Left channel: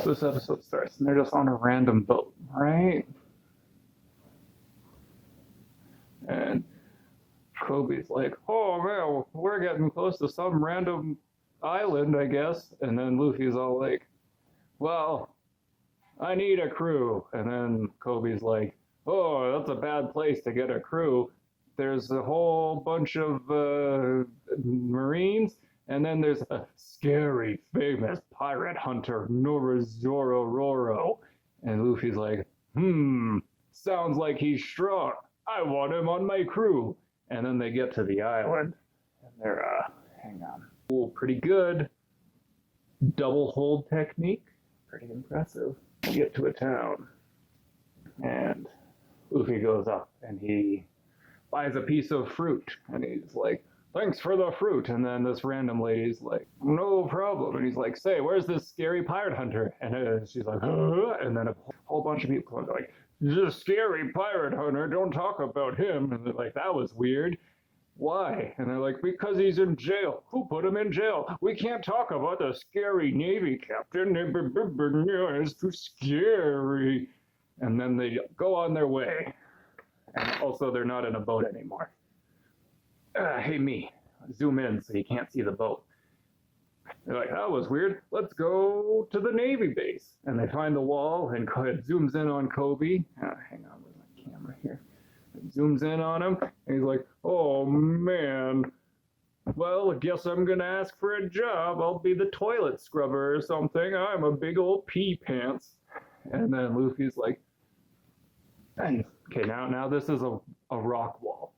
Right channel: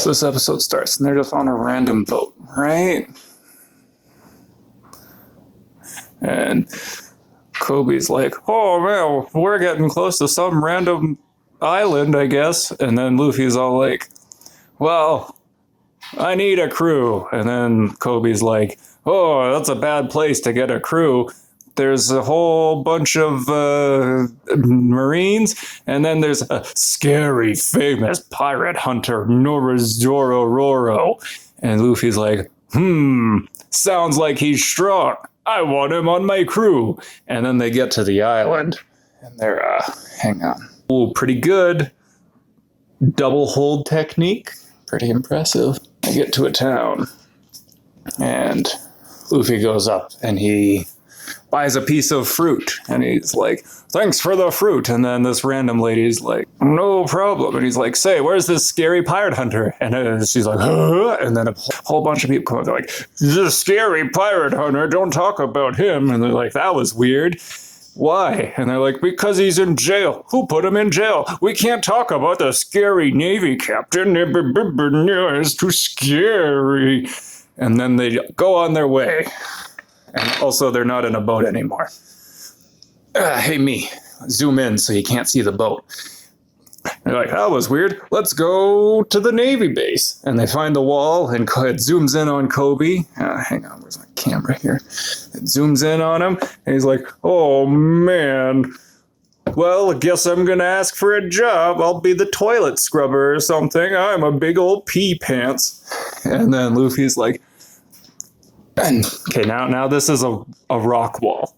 So this episode starts and they're just on a random boat, right? And Kobe's like, oh man, we're getting close to some random island, I guess. And then Luffy's all like, well, I need a crew. And then Kobe's like, oh, that's a bad place to get a crew. There's a whole bunch of Marines, and then there's a scary, famous pirate hunter, Norizoro. And Luffy's like, sounds like he's strong. I want him on my crew. And then they get to the island, and they're, hang on. Ooh, pretty good. Double hold technique. Pretty impressive. They get to a town, and Luffy goes up, and he buys a piece of fruit, and he's like, thanks for the fruit. And then this random lady's like, no problem. And he's like, say, where's this scary pirate hunter? And she's like, huh? And then a whole bunch of people come up, they're like, this scary pirate hunter, don't talk about him. And they're like, that was weird. Why? And they're like, because he's in jail. Who put him in jail? We can't talk about the scary Navy captain. It's too scary. And then they go on their way. And also, they're not in a boat anymore. Hey, me. Zoom in so you can't see the boat. They're like, that was weird. Let's go to the Navy base. And they find the wall, and it zooms in on Kobe. Hang on, where's my camera here? It zooms in on him, and he's like, oh, man. Well, I guess I'm going to ask for a job. I'll be the toilet scrubber or something. I'm a big old pee pants. And then Luffy's like, okay, now this is a rock wall.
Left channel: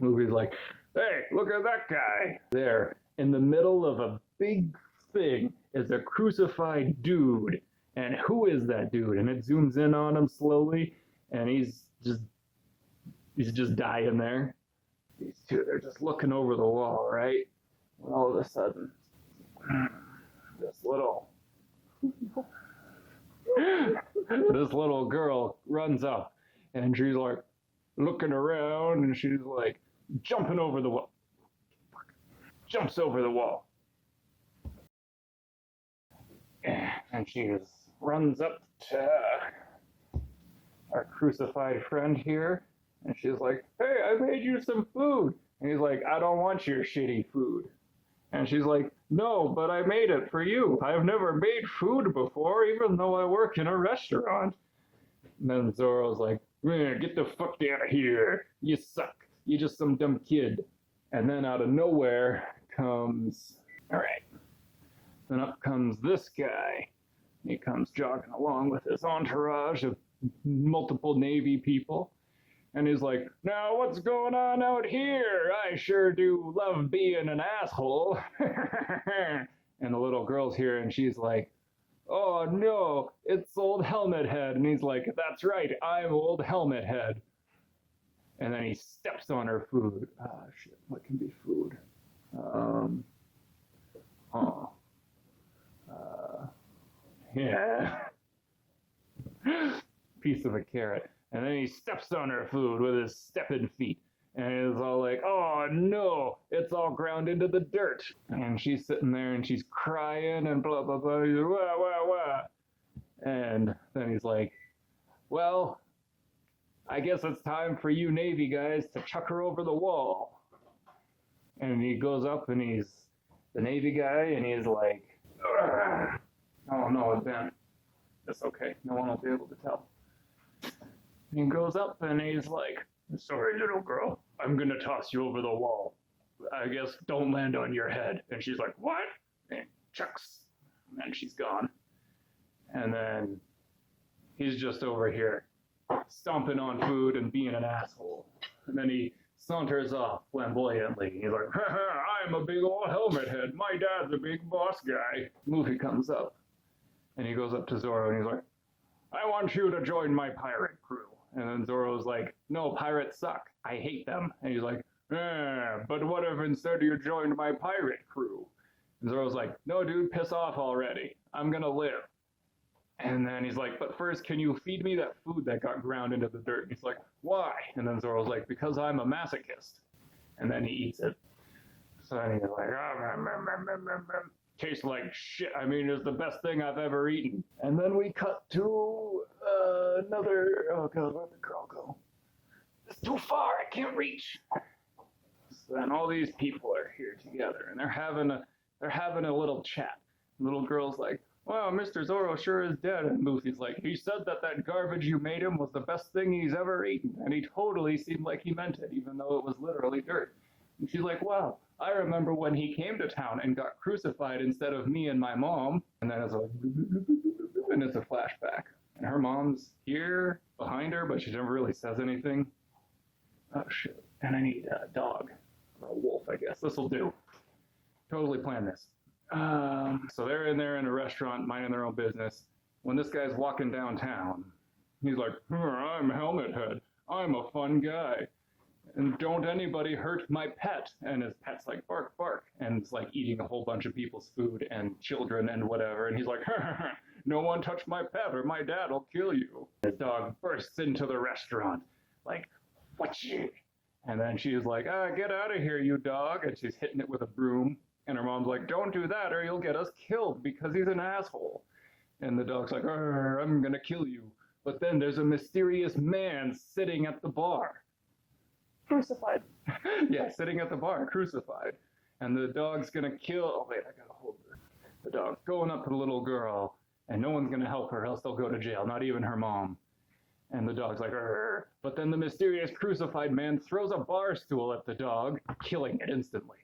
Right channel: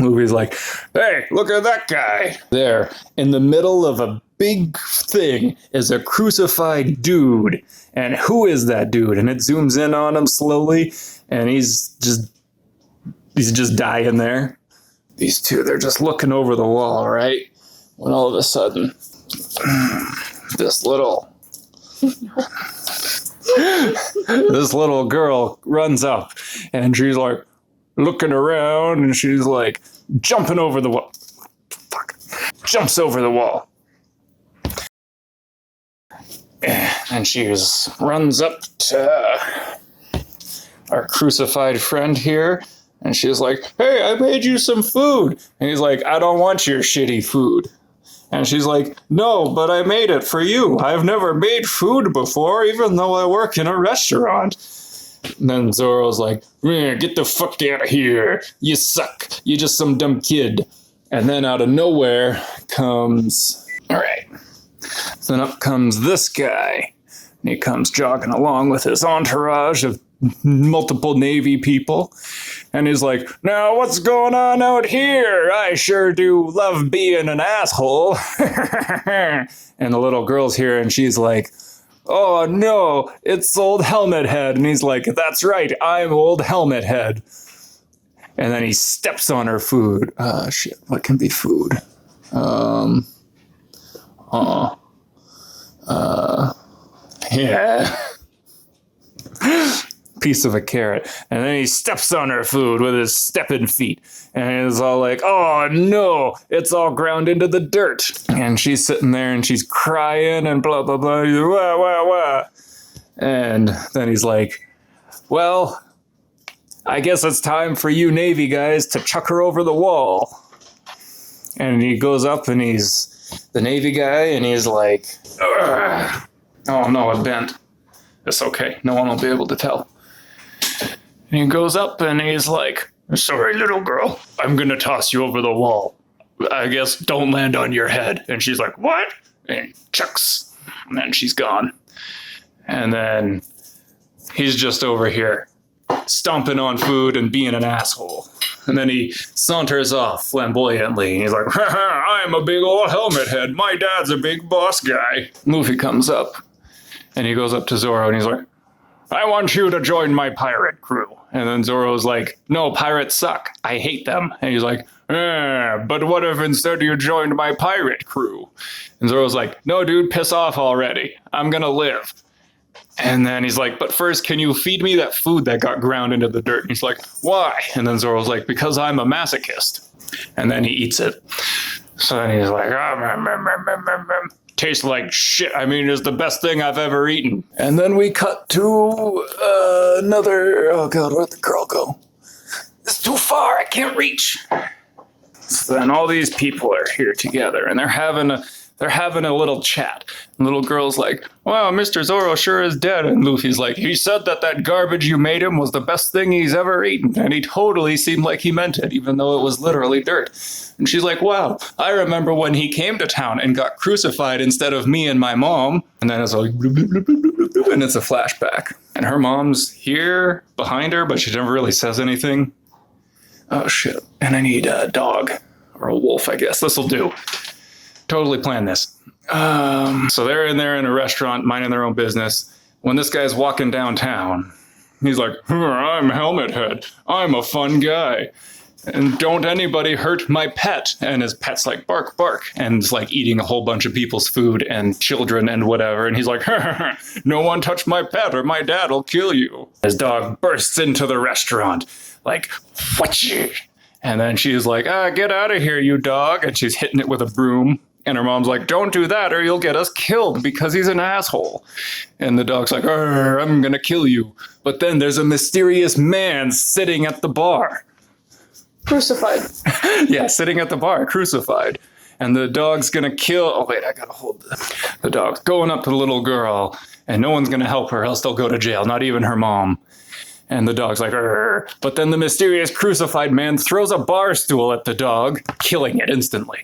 Luffy's like, hey, look at that guy. There, in the middle of a big thing is a crucified dude. And who is that dude? And it zooms in on him slowly, and he's just dying there. These two, they're just looking over the wall, right? When all of a sudden, this little girl runs up, and she's like looking around, and she's like jumping over the wall. Jumps over the wall. And she runs up to our crucified friend here, and she's like, hey, I made you some food. And he's like, I don't want your shitty food. And she's like, no, but I made it for you. I've never made food before, even though I work in a restaurant. And then Zoro's like, get the fuck out of here. You suck. You're just some dumb kid. And then out of nowhere comes, all right. Then up comes this guy. And he comes jogging along with his entourage of multiple Navy people. And he's like, now what's going on out here? I sure do love being an asshole. And the little girl's here, and she's like, oh no, it's old Helmet Head. And he's like, that's right, I'm old Helmet Head. And then he steps on her food. Shit, what can be food? Yeah. Piece of a carrot. And then he steps on her food with his stepping feet. And he's all like, oh no, it's all ground into the dirt. And she's sitting there and she's crying and blah, blah, blah. Wah, wah, wah. And then he's like, well, I guess it's time for you Navy guys to chuck her over the wall. And he goes up and he's the Navy guy and he's like, ugh. Oh no, it bent. It's okay. No one will be able to tell. And he goes up and he's like, sorry, little girl, I'm going to toss you over the wall. I guess don't land on your head. And she's like, what? And he chucks. And then she's gone. And then he's just over here stomping on food and being an asshole. And then he saunters off flamboyantly. He's like, I'm a big old Helmet Head. My dad's a big boss guy. Luffy comes up and he goes up to Zoro and he's like, I want you to join my pirate crew. And then Zoro's like, no, pirates suck. I hate them. And he's like, but what if instead you joined my pirate crew? And Zoro's like, no, dude, piss off already. I'm going to live. And then he's like, but first, can you feed me that food that got ground into the dirt? And he's like, why? And then Zoro's like, because I'm a masochist. And then he eats it. So then he's like, tastes like shit. I mean, it's the best thing I've ever eaten. And then we cut to another, oh God, where'd the girl go? It's too far, I can't reach. So then all these people are here together and they're having a little chat. And the little girl's like, wow, Mr. Zoro sure is dead. And Luffy's like, he said that garbage you made him was the best thing he's ever eaten. And he totally seemed like he meant it, even though it was literally dirt. And she's like, wow, I remember when he came to town and got crucified instead of me and my mom. And then it's like, and it's a flashback. And her mom's here behind her, but she never really says anything. Oh shit. And I need a dog or a wolf, I guess. This'll do. Totally planned this. So they're in there in a restaurant minding their own business. When this guy's walking downtown, he's like, I'm Helmet Head. I'm a fun guy. And don't anybody hurt my pet. And his pet's like, bark, bark. And it's like eating a whole bunch of people's food and children and whatever. And he's like, no one touch my pet or my dad'll kill you. His dog bursts into the restaurant like, what you? And then she's like, get out of here, you dog. And she's hitting it with a broom. And her mom's like, don't do that or you'll get us killed because he's an asshole. And the dog's like, I'm going to kill you. But then there's a mysterious man sitting at the bar. Crucified. Yeah, sitting at the bar, crucified. And the dog's going to kill... Oh, wait, I got to hold the dog's going up to the little girl. And no one's going to help her, else they'll go to jail, not even her mom. And the dog's like, Arr. But then the mysterious crucified man throws a bar stool at the dog, killing it instantly.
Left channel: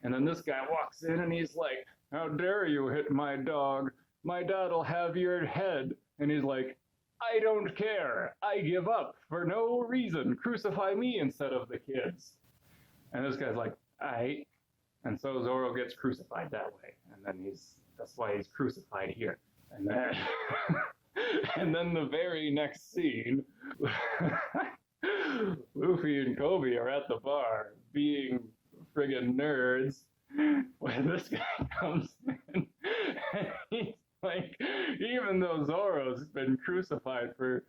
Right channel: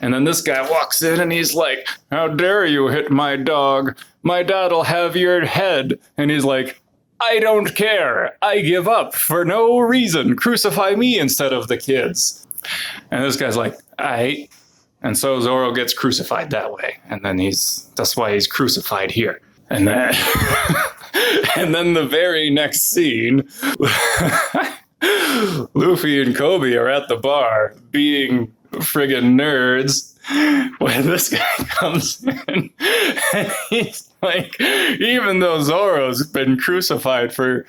And then this guy walks in and he's like, how dare you hit my dog? My dad'll have your head. And he's like, I don't care. I give up for no reason. Crucify me instead of the kids. And this guy's like, aight. And so Zoro gets crucified that way. And then that's why he's crucified here. And then, and then the very next scene, Luffy and Kobe are at the bar being friggin' nerds when this guy comes in and he's like, even though Zoro's been crucified for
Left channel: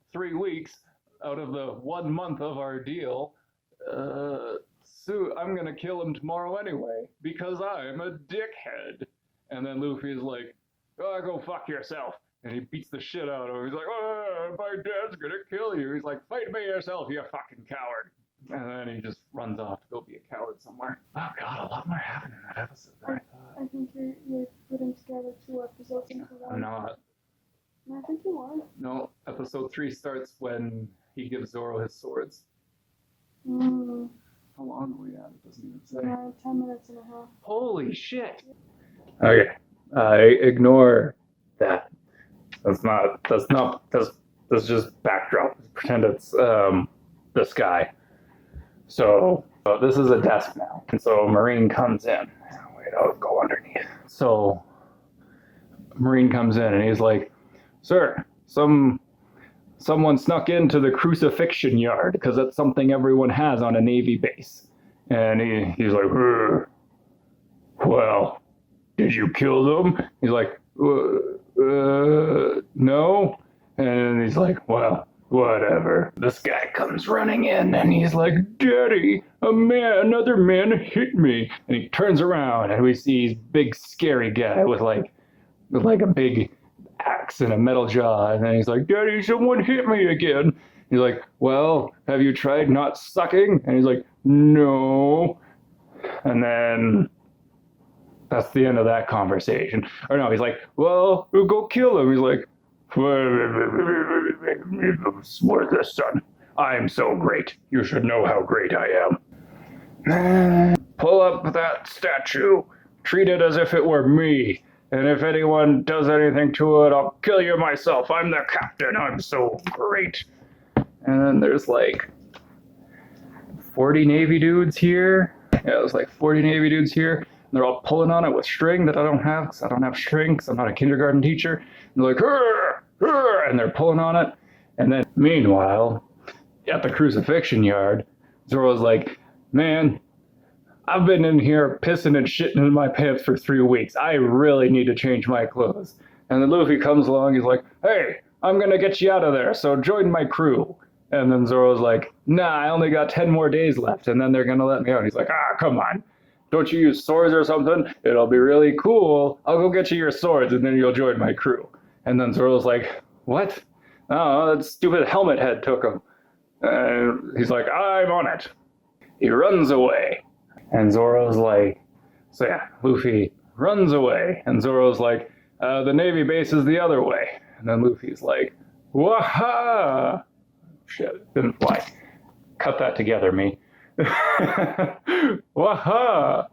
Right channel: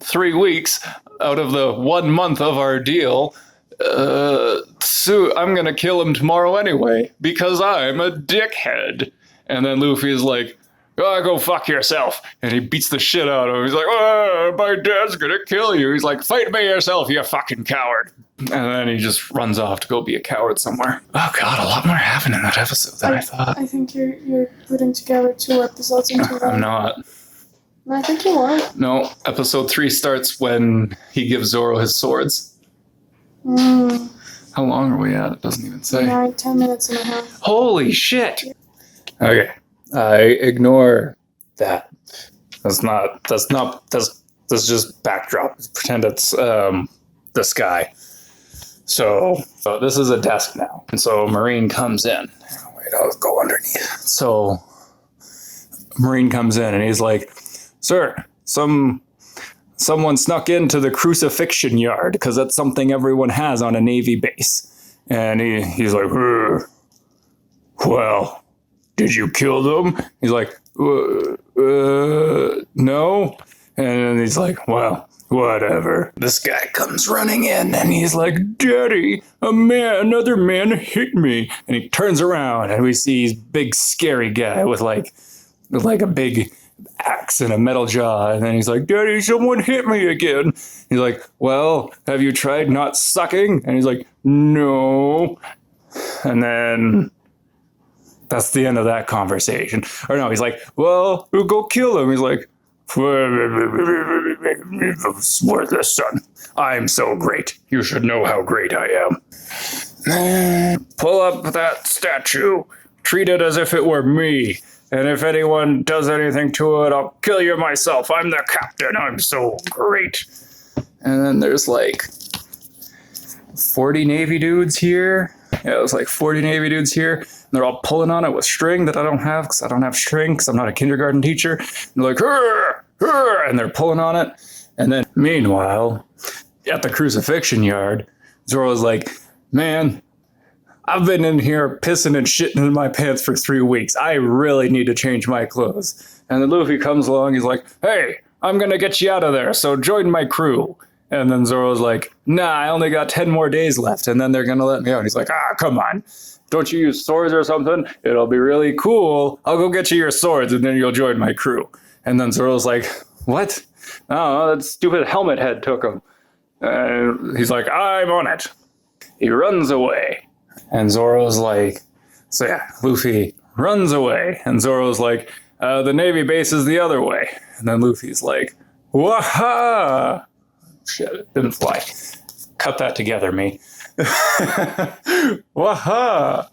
3 weeks out of the 1 month of our deal, I'm gonna kill him tomorrow anyway because I'm a dickhead. And then Luffy's like, go fuck yourself. And he beats the shit out of him. He's like, my dad's gonna kill you. He's like, fight me yourself, you fucking coward. And then he just runs off to go be a coward somewhere. Oh God, a lot more happened in that episode than I thought. I think you're putting together 2 episodes into one. I'm not. I think you are. No, episode 3 starts when he gives Zoro his swords. How long are we at? It doesn't even say. 10 minutes and a half. Holy shit. Okay. I ignore that. That's just backdrop. Pretend it's the sky. So this is a desk now. And so Marine comes in. Wait, I'll go underneath. So Marine comes in and he's like, sir, someone snuck into the crucifixion yard because that's something everyone has on a Navy base. And he's like, well, did you kill them? He's like, no. And he's like, well, whatever. This guy comes running in and he's like, Daddy, another man hit me. And he turns around and we see his big scary guy with like a big axe and a metal jaw. And then he's like, Daddy, someone hit me again. He's like, well, have you tried not sucking? And he's like, no. And then that's the end of that conversation. Or no, he's like, well, we'll go kill him. He's like, it's worthless, son. I'm so great. You should know how great I am. Pull up that statue. Treat it as if it were me. And if anyone does anything to it, I'll kill you myself. I'm the captain. I'm so great. And then there's like 40 Navy dudes here. Yeah, it was like 40 Navy dudes here. And they're all pulling on it with string that I don't have because I don't have string because I'm not a kindergarten teacher. And they're like, hurr, hurr, and they're pulling on it. And then meanwhile, at the crucifixion yard, Zoro's like, man, I've been in here pissing and shitting in my pants for 3 weeks. I really need to change my clothes. And then Luffy comes along. He's like, hey, I'm going to get you out of there. So join my crew. And then Zoro's like, nah, I only got 10 more days left. And then they're going to let me out. He's like, come on. don't you use swords or something? It'll be really cool. I'll go get you your swords and then you'll join my crew. And then Zoro's like, what? Oh, that stupid helmet head took him. He's like, I'm on it. He runs away. And Zoro's like, so yeah, Luffy runs away. And Zoro's like, the Navy base is the other way. And then Luffy's like, waha! Shit, it didn't fly. Cut that together, me. Waha!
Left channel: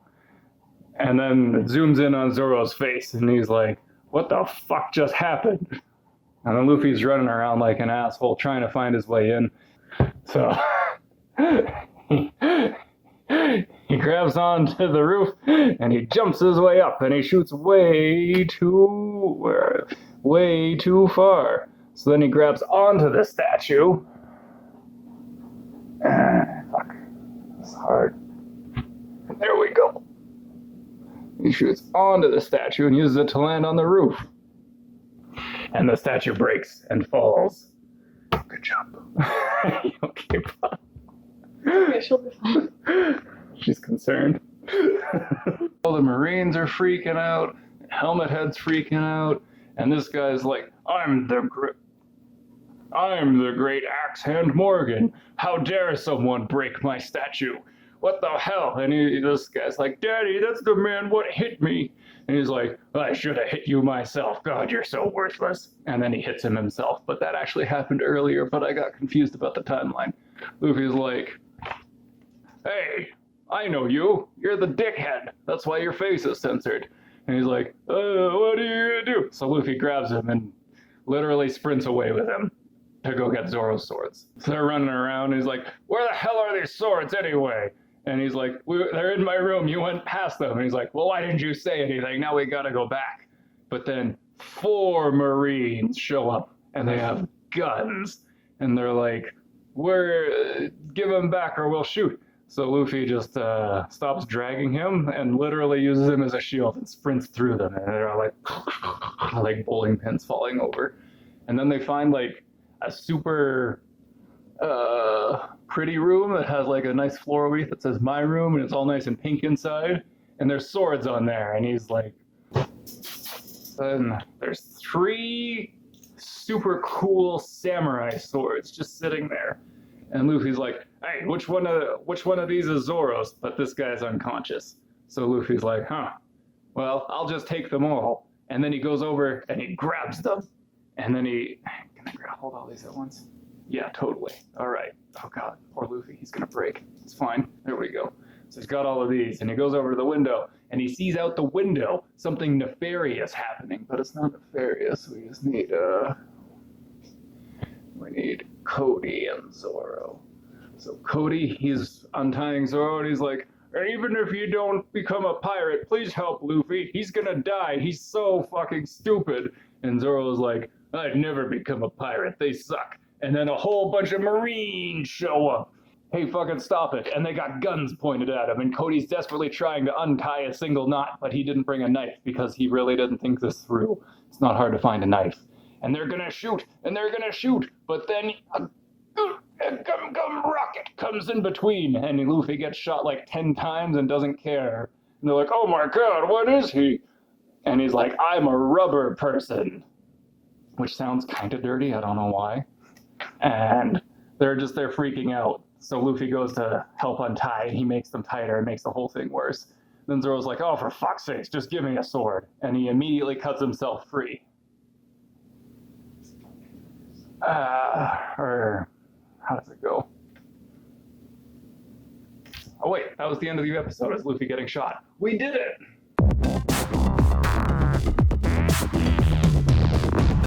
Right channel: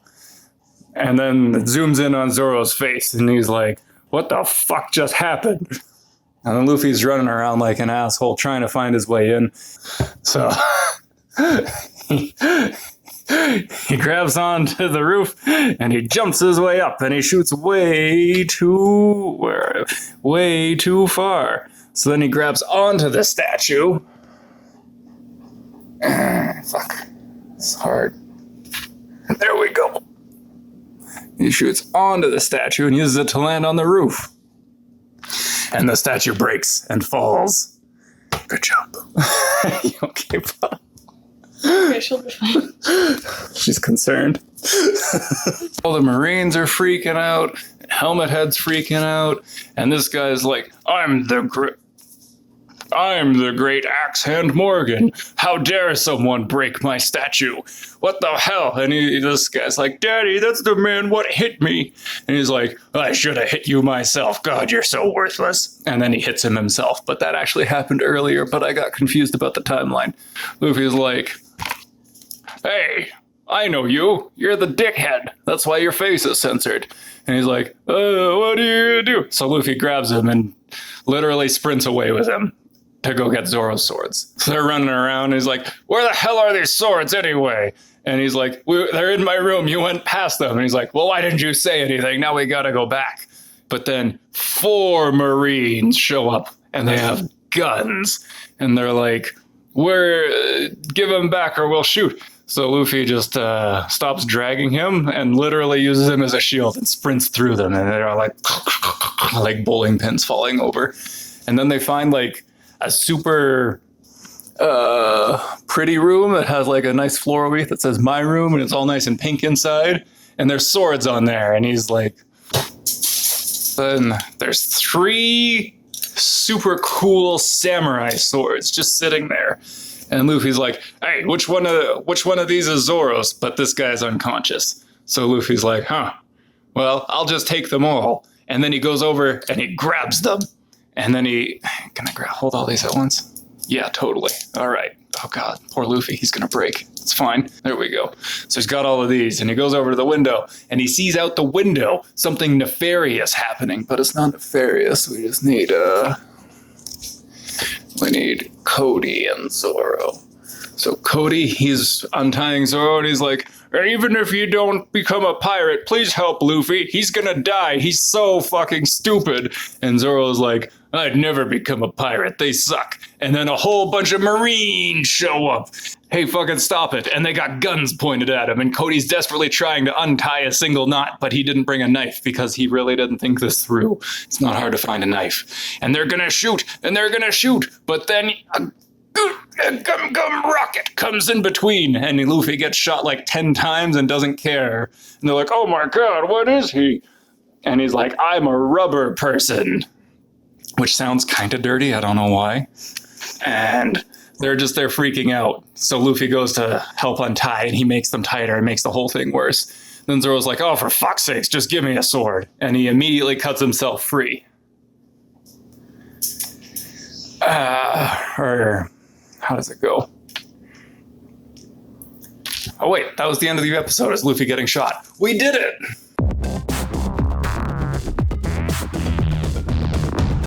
And then it zooms in on Zoro's face, and he's like, what the fuck just happened? And then Luffy's running around like an asshole trying to find his way in. So he grabs onto the roof and he jumps his way up and he shoots way too far. So then he grabs onto the statue. Fuck. It's hard. There we go. He shoots onto the statue and uses it to land on the roof. And the statue breaks and falls. Good job. You okay, bud? Okay, she'll be fine. She's concerned. All the Marines are freaking out. Helmet Head's freaking out. And this guy's like, I'm the great Axe Hand Morgan. How dare someone break my statue? What the hell? And this guy's like, Daddy, that's the man what hit me. And he's like, I should have hit you myself. God, you're so worthless. And then he hits him himself. But that actually happened earlier, but I got confused about the timeline. Luffy's like, hey, I know you. You're the dickhead. That's why your face is censored. And he's like, what do you do? So Luffy grabs him and literally sprints away with him to go get Zoro's swords. So they're running around. And he's like, where the hell are these swords anyway? And he's like, they're in my room. You went past them. And he's like, well, why didn't you say anything? Now we got to go back. But then 4 Marines show up and they have guns. And they're like, give them back or we'll shoot. So Luffy just stops dragging him and literally uses him as a shield and sprints through them. And they're like bowling pins falling over. And then they find like a super pretty room that has like a nice floral wreath that says my room and it's all nice and pink inside. And there's swords on there. And he's like, then there's 3 super cool samurai swords just sitting there. And Luffy's like, hey, which one of these is Zoro's? But this guy's unconscious. So Luffy's like, well, I'll just take them all. And then he goes over and he grabs them. And then can I hold all these at once? Yeah, totally. All right. Oh God, poor Luffy. He's going to break. It's fine. There we go. So he's got all of these and he goes over to the window and he sees out the window something nefarious happening, but it's not nefarious. We just need, we need Cody and Zoro. So Cody, he's untying Zoro and he's like, even if you don't become a pirate, please help Luffy. He's gonna die. He's so fucking stupid. And Zoro's like, I'd never become a pirate. They suck. And then a whole bunch of Marines show up. Hey, fucking stop it. And they got guns pointed at him. And Cody's desperately trying to untie a single knot, but he didn't bring a knife because he really didn't think this through. It's not hard to find a knife. And they're gonna shoot, and they're gonna shoot. But then a gum rocket comes in between, and Luffy gets shot like 10 times and doesn't care. And they're like, oh my God, what is he? And he's like, I'm a rubber person. Which sounds kind of dirty, I don't know why. And they're freaking out. So Luffy goes to help untie, and he makes them tighter and makes the whole thing worse. Then Zoro's like, oh, for fuck's sakes, just give me a sword. And he immediately cuts himself free. Or how does it go? Oh, wait, that was the end of the episode, is Luffy getting shot. We did it!